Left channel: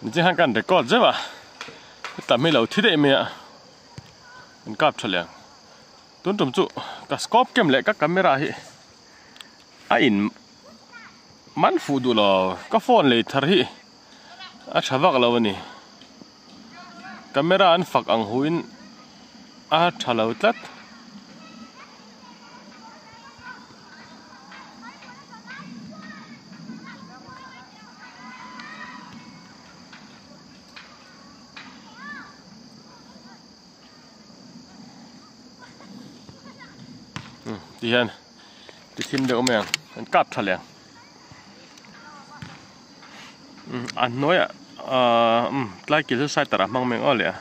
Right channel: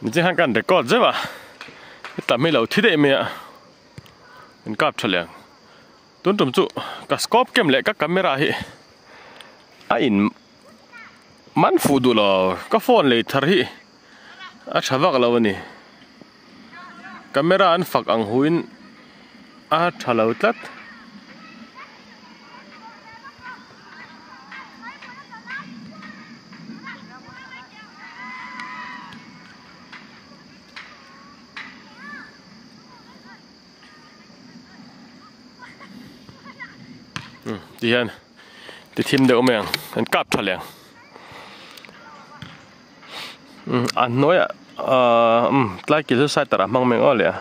mình chỉ hàng cần để cọt chứ mà tạm mấy lâu thiết đệ mẹ mình cáp cho liền tuấn trồng trụ cả scope kem lại các camera hi in mắn phụ đủ là các phone lấy thar hi chả vác lâu nè camera anh phật ang huin chả lâu tát đi hen đi thêm được mình anh cáp cho liền anh nói lại kiểu sai tara mang mình ở liền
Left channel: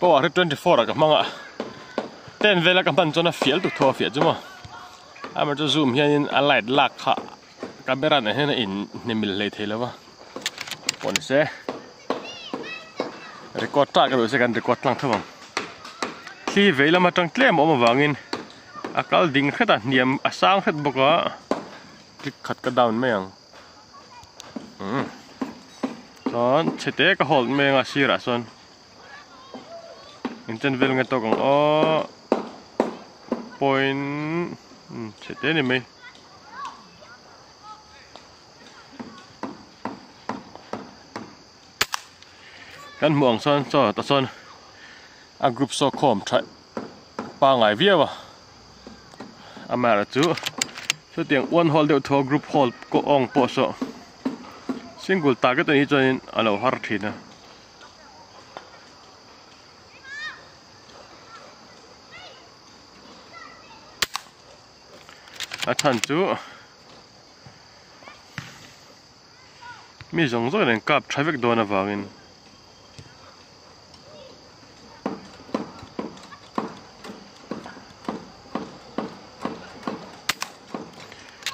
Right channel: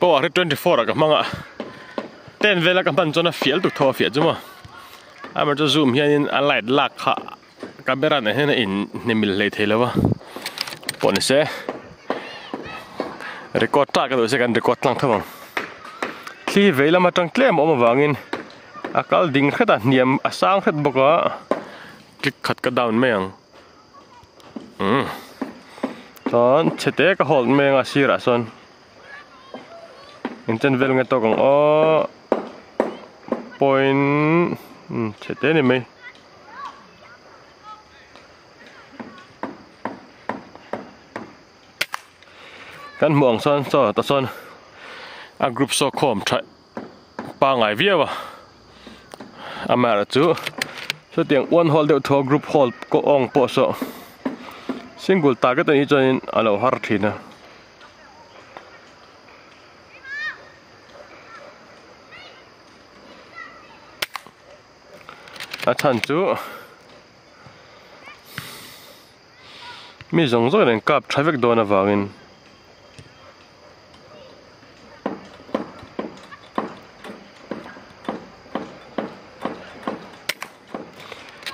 có 24 à các bạn ạ tên về là các bạn cho nó phiền tụt thò phiền chứ mà mà cho zoom hiện anh lại lạc hạ camera này hiện in nên mình lấy thế là vâng bọn sẽ record ta cái đồ sẽ cần record lang thôi khi về là mà trong claim mà vàng in akal ding khát à niệm sang khát bọc á click khát cái down mấy đó chế tế cái hold mấy ngã xí ra son Inten vel ngai to kang point chete ni mai kan muang son so ta son a group so com try pa ngai via wa amara chu so tiang one hole de to group hole ko ong po so single target ni join alo har thina chân chú mi giống rồi nên cặp traffic đồ na vào in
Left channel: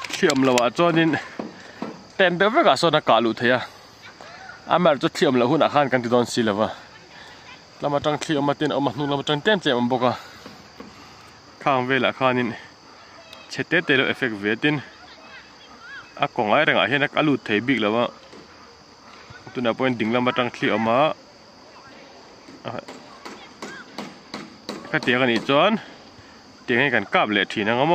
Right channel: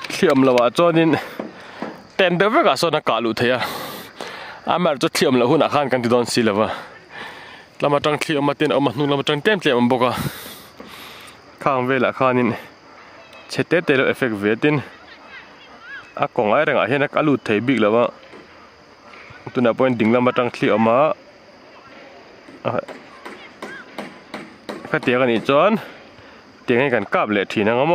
thiểm là vợ cho nên tên đỡ với cả số nó cả lụt thế à mà cho thiểm là hun khan kan ti don si là vợ làm mà trong thiểm mà tên ông mà nung làm trong tên thiểm bốc à khang về là khan in chế tế tế là effect về tin còn ai đang ở hiện cái lụt thấy bị là vợ tôi nói point đỉnh làm mà trang khi mà cái tiếng này chọn tiếng này cần cáp lệ thì nó ngắm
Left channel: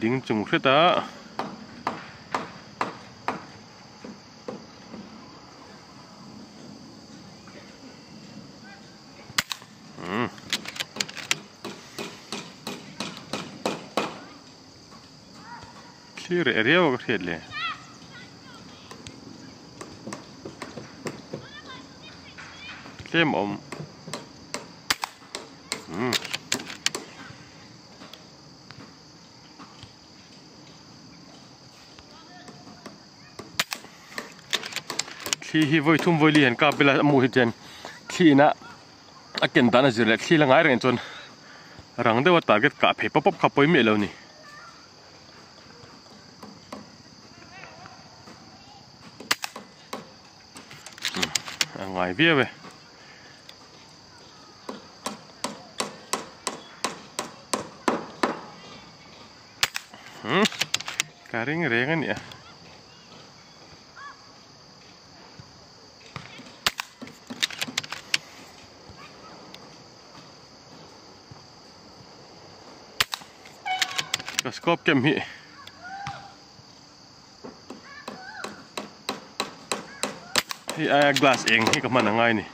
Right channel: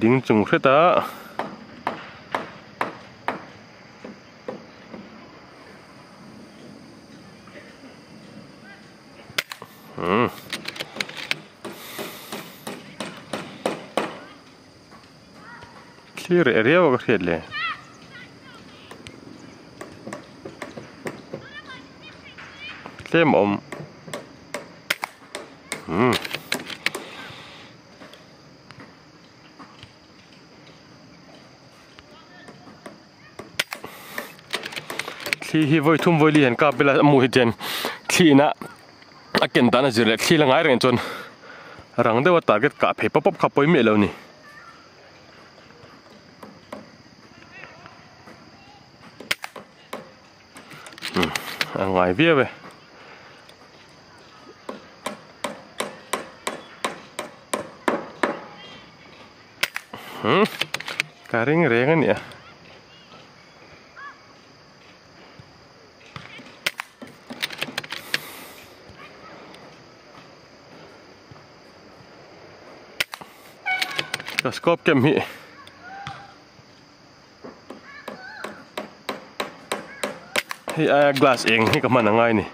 đỉnh trùng hết ta clear area wa khedle claim khi hi voi thum voi lian ka bela mu hi chen khi na aken ta na zile khi la ngai reng chon rang de wa target ka phe pop kha poi me lo ni ngai vía về cà ring reng nè cái scope kem hi hi glass eng hi ka man ngay nè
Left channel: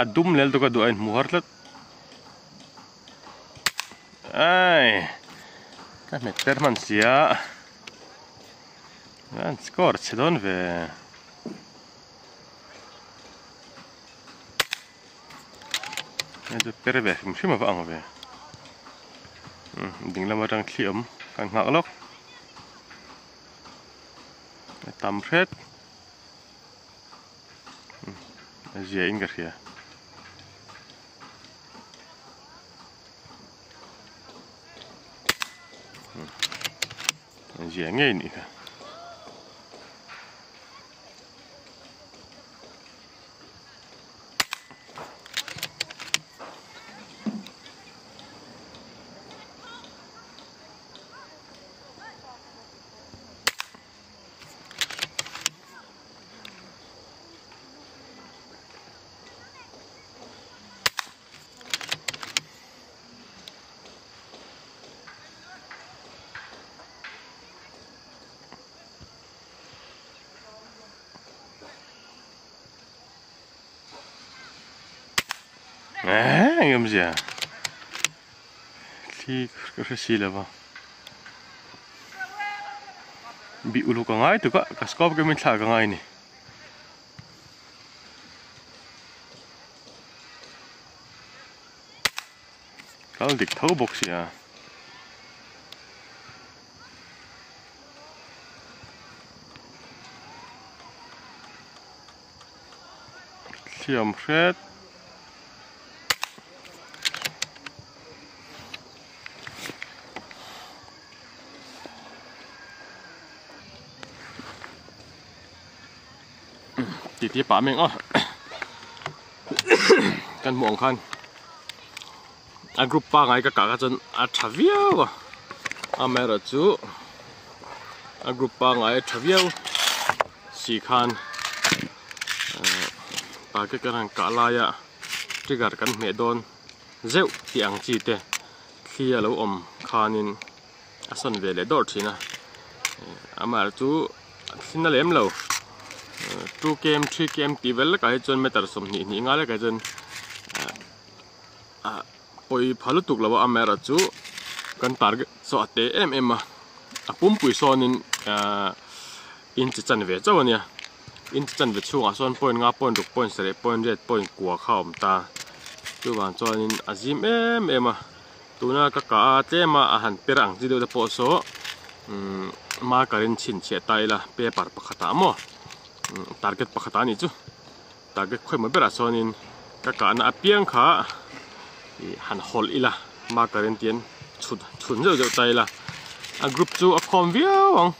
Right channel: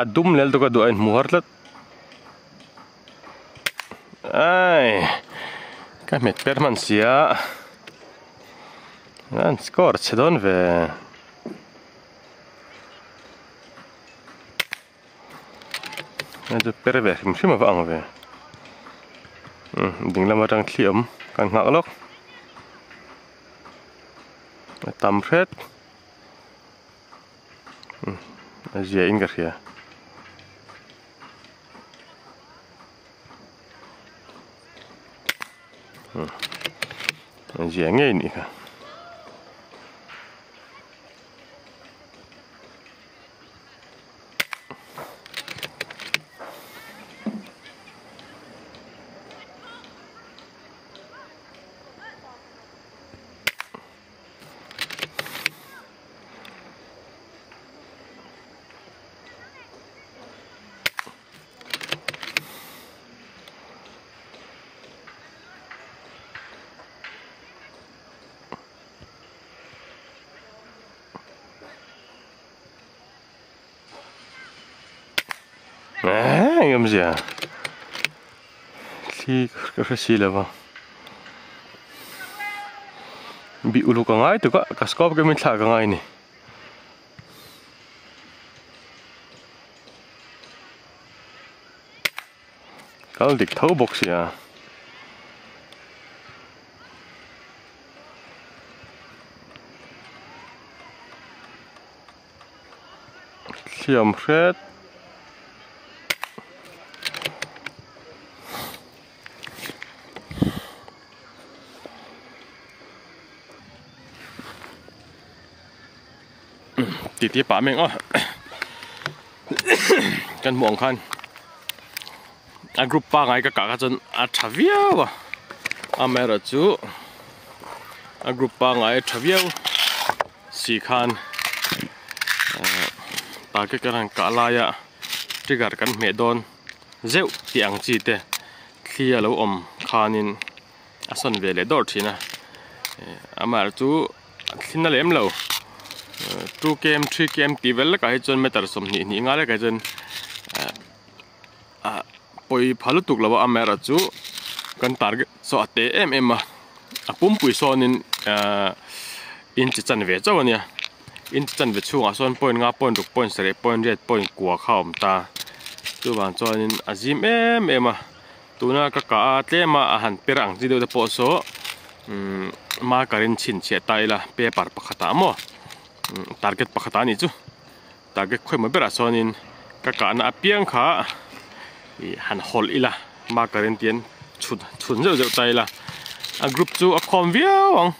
Adum lel tu ka doain muharlat. Ai. Ka met permansia. Nan skor sedon ve. Nanti perve, mesti mau apa ve. Ding lama tang kliam kan ngak lok. Tampret. Asia ingat ya. Asia ini kan. Ngam gì à? Khi cái gì là vào bị ulu cả ngay từ cả scope cái mình thả cả ngay này. Kalau dik thấu box ya. Siam red. Tí bả mìnhกันมองคันกรุ๊ปป้าไงก็กะจนทวีวะแม่เราจูกรุ๊ปป้าไงทวีวสี่คันตาก็กันกะลายะที่กัดกันเมดอนเจ้าที่อังจีเตเคลียแล้วคันินส่วนเวลดอร์ทีนะแม่เราจูขึ้นนั่นเล่มแล้ว2 game 3 game ตีเวลก็ให้จนไม่ตัดสมนี่ง่ายเลยก็จนปอยพาลุตุกแล้วว่าแม่เราจูกันตาร์กสอดเตะมาปุ่มปุยโซนินอินจิจันเวจ้าวันนี้อินจิจันเวช่วงส่วนปอยงาปอยตุกปอยเสร็จปอยเรียดปอยกัวข้าวตาตัววันโซนินอาจิมมาตัวน่ะก็กะเตะมาอาหารเปรังที่ดูจะโปโซมาการินชินเชียไตละเปปาร์ปะขตามอtarget pakatan itu target kau memberi asonin kakak anak piang kah han hol ilah makarin tian chun jauh tay lah group tu akom viawang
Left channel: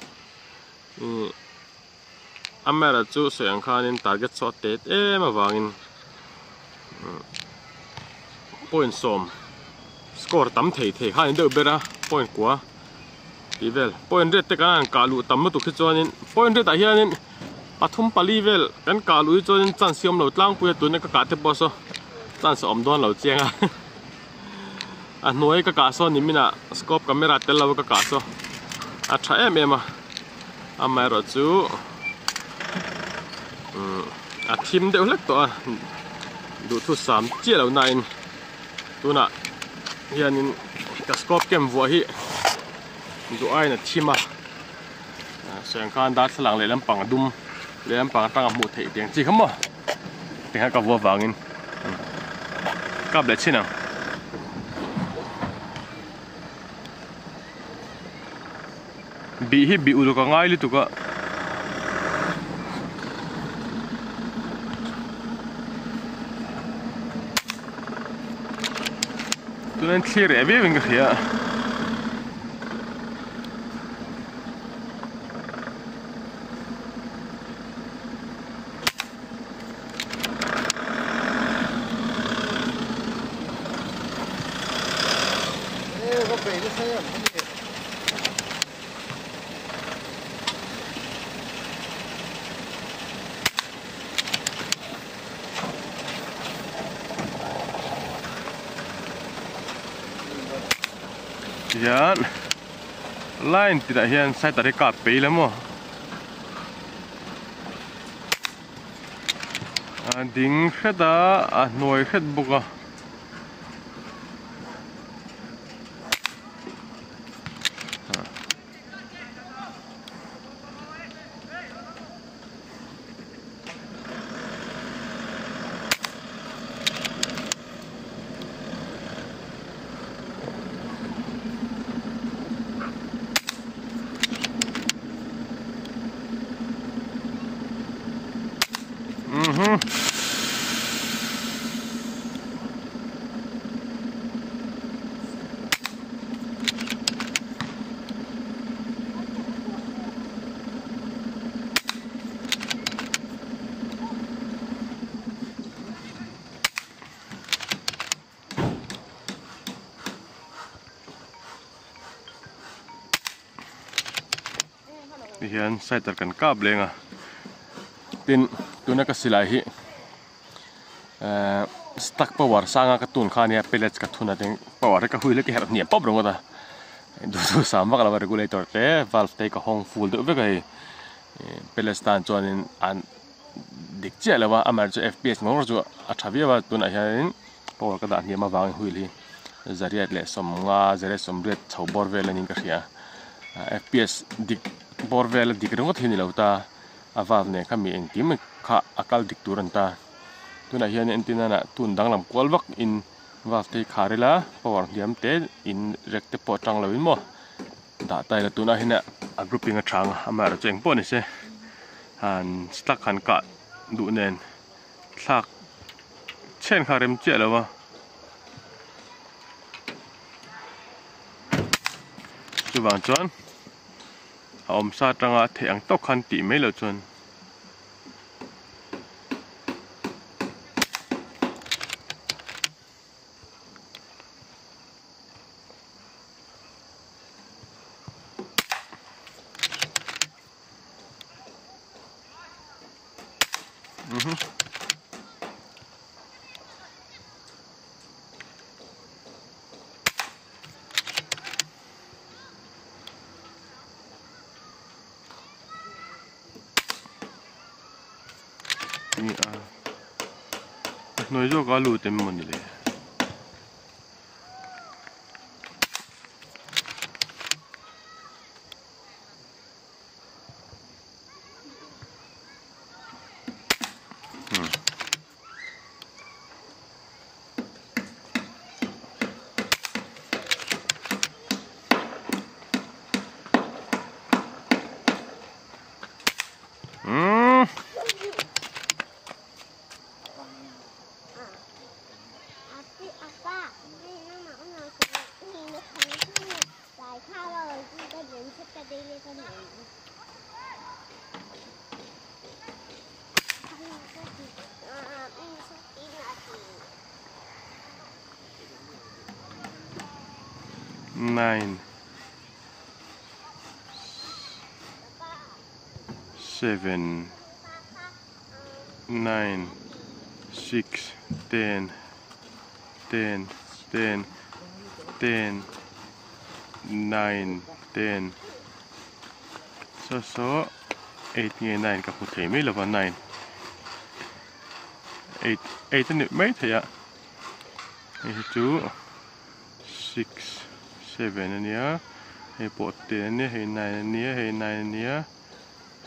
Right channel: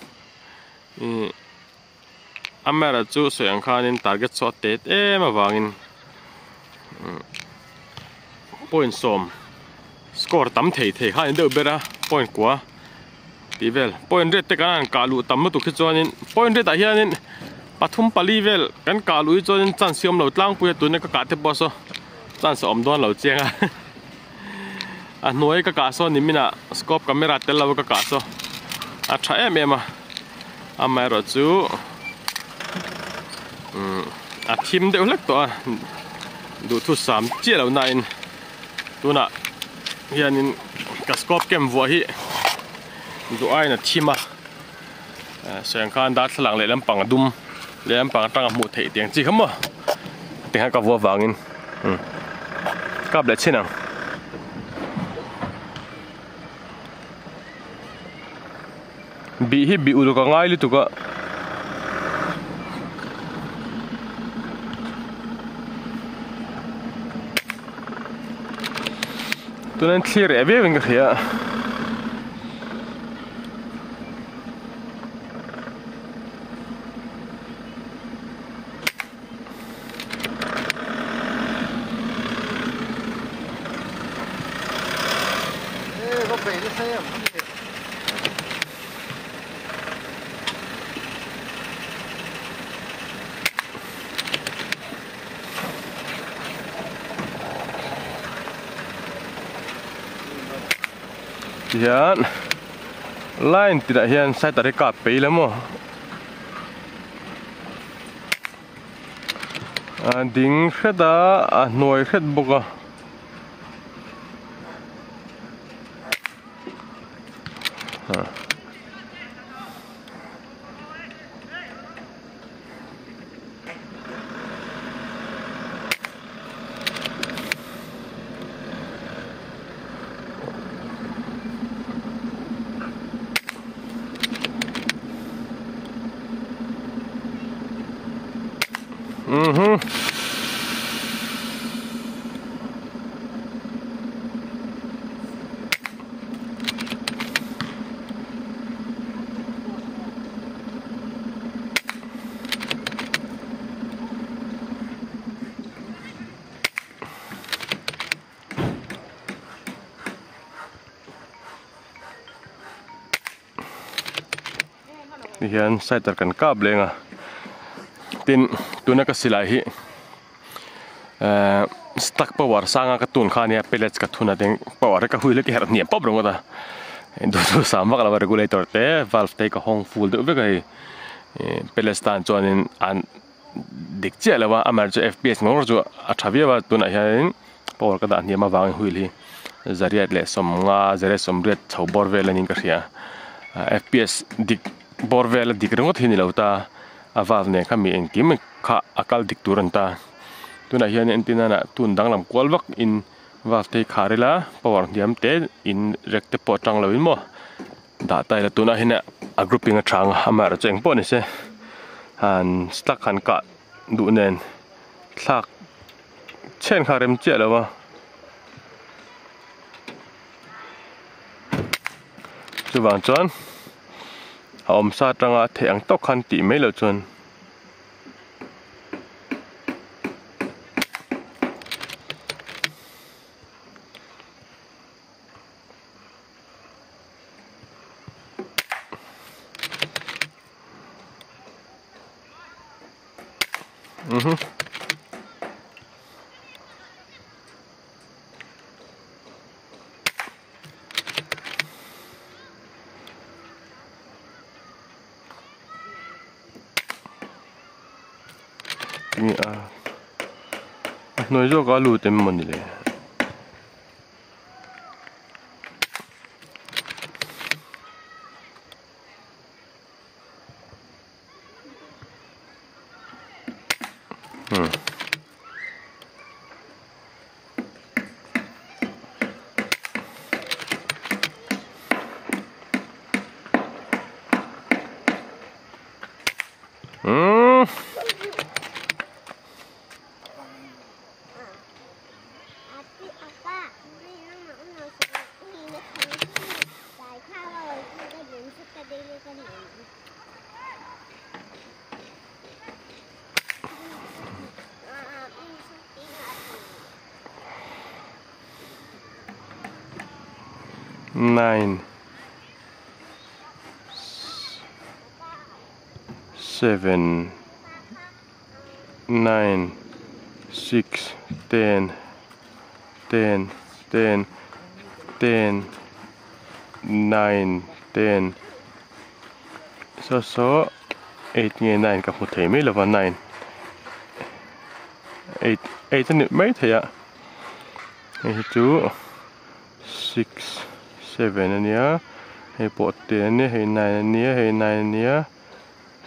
amera tu sayang kanin target shot tet mawangin point som score tam theih hanin deu bera point kwa tivel point red te kan kalu tam tu khichuanin point red ahianin pathum palivel kan kalui chon chan siam lo tlang pu tu ne ka te boso chan som don lo chenga a noi ka so ni mina scope camera tel lo ka so a tha em a mai ro chu a thim de lek to du thu sam che lo nain tu na hianin ka scope kem vo hi du ai na thima sang kan da thlang le lam pang dum lam pang tang mu thei tiang chi kham mo tiang ka vo wangin kap le chinang bi hi bi ulu ka ngai li tu ka tu nan clear ebe wing ya hian line tidak hian sai tadi kap pe le mo ding kheda noi khet boka hian sai kan kap lenga tin tuna ka silai hi stack power sanga ka tun khania pellets ka thuna teng power ka huile ki her niam pop ronga da do sama kala regulator te valve te ka hong full de ve kai pellets tan chonin an dik che lawa amar cho fps ngor jo athavia wa tuna hian power ka da niam awang huili zariat le somnga zare somret chobor velanin ka ria fps dik borvel dik rongot hini lauta aval ne khami engkim kha akal dik turanta tuna hian antenna na tun danglam kwalwak in waste kharela power diam te in rekte po tang lawin mo da tai la tuna hina a grouping a thang amar cheng po ni se han stack han ka du nen thak chen kharem che lawa chuwang chuan om sa tanga theng tok khan ti mai lo chuan ni noi zo ka lu tem mon ni le nine 7 9 6 10 10 10 10 9 10 so 8 nge 9 ka hmu thei mai lova 9 8 ani mai theya hi chu 6 7 ania hei po 10 ania hei 9 ania hei 9 ania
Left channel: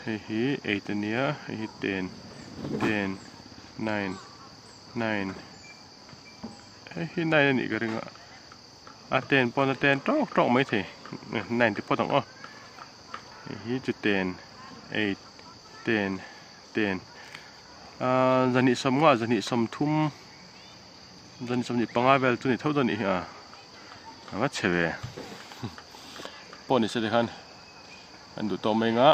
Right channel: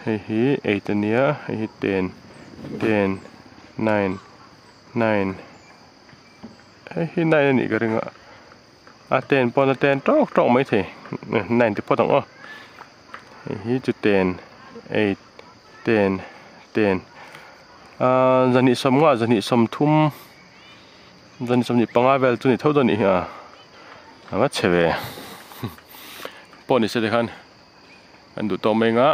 hei 8 ania hei 10 10 9 9 hei 9 ani ka ringa a 10 pon 10 tok mai the 9 ti potong o hei chu 10 8 10 10 zani somnga zani somthum zani somni panga vel chu ni thodoni ha anga chewe poni se dekhan andu to menga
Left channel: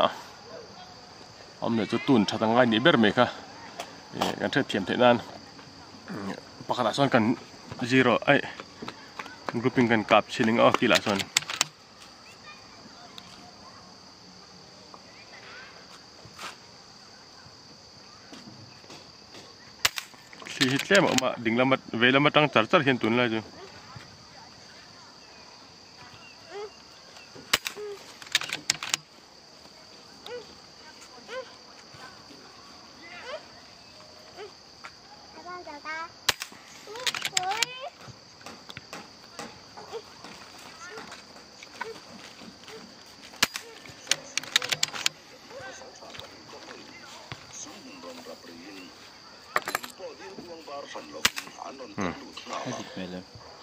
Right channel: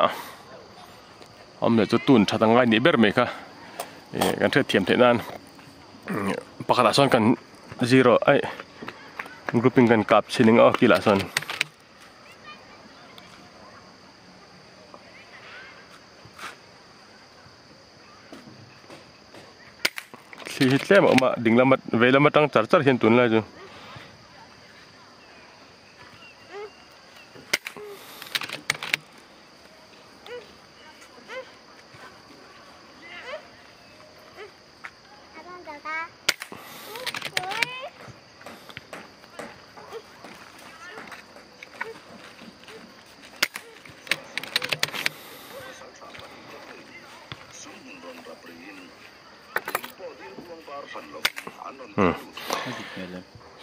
amle chu tun thatangai ni ber me kha kan the thiam the nan pakala son kan 0 ai grouping kan kap sining o kila son si hitlem ma dinglamat velamatang charchar hin tun la ju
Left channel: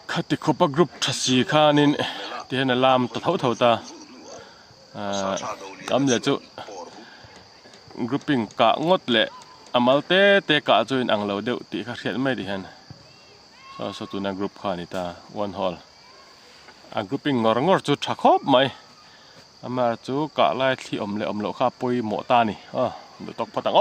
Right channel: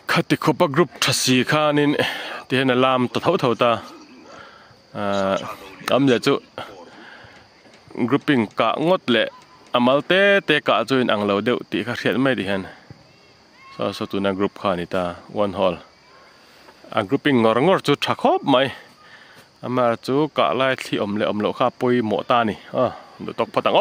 khát thì có group thật sự khá nên thì là làm tao thấu ta âm là chỗ grouping cả ngót lệ amal te cả cho anh lâu đều thì khác hiện mấy đi hen so tụi na group khá này ta one hall grouping ngor chỗ chắc hốp mày mà chỗ cả lại thì lệ lâu khá bôi mỏ ta nè được tóc phát tăng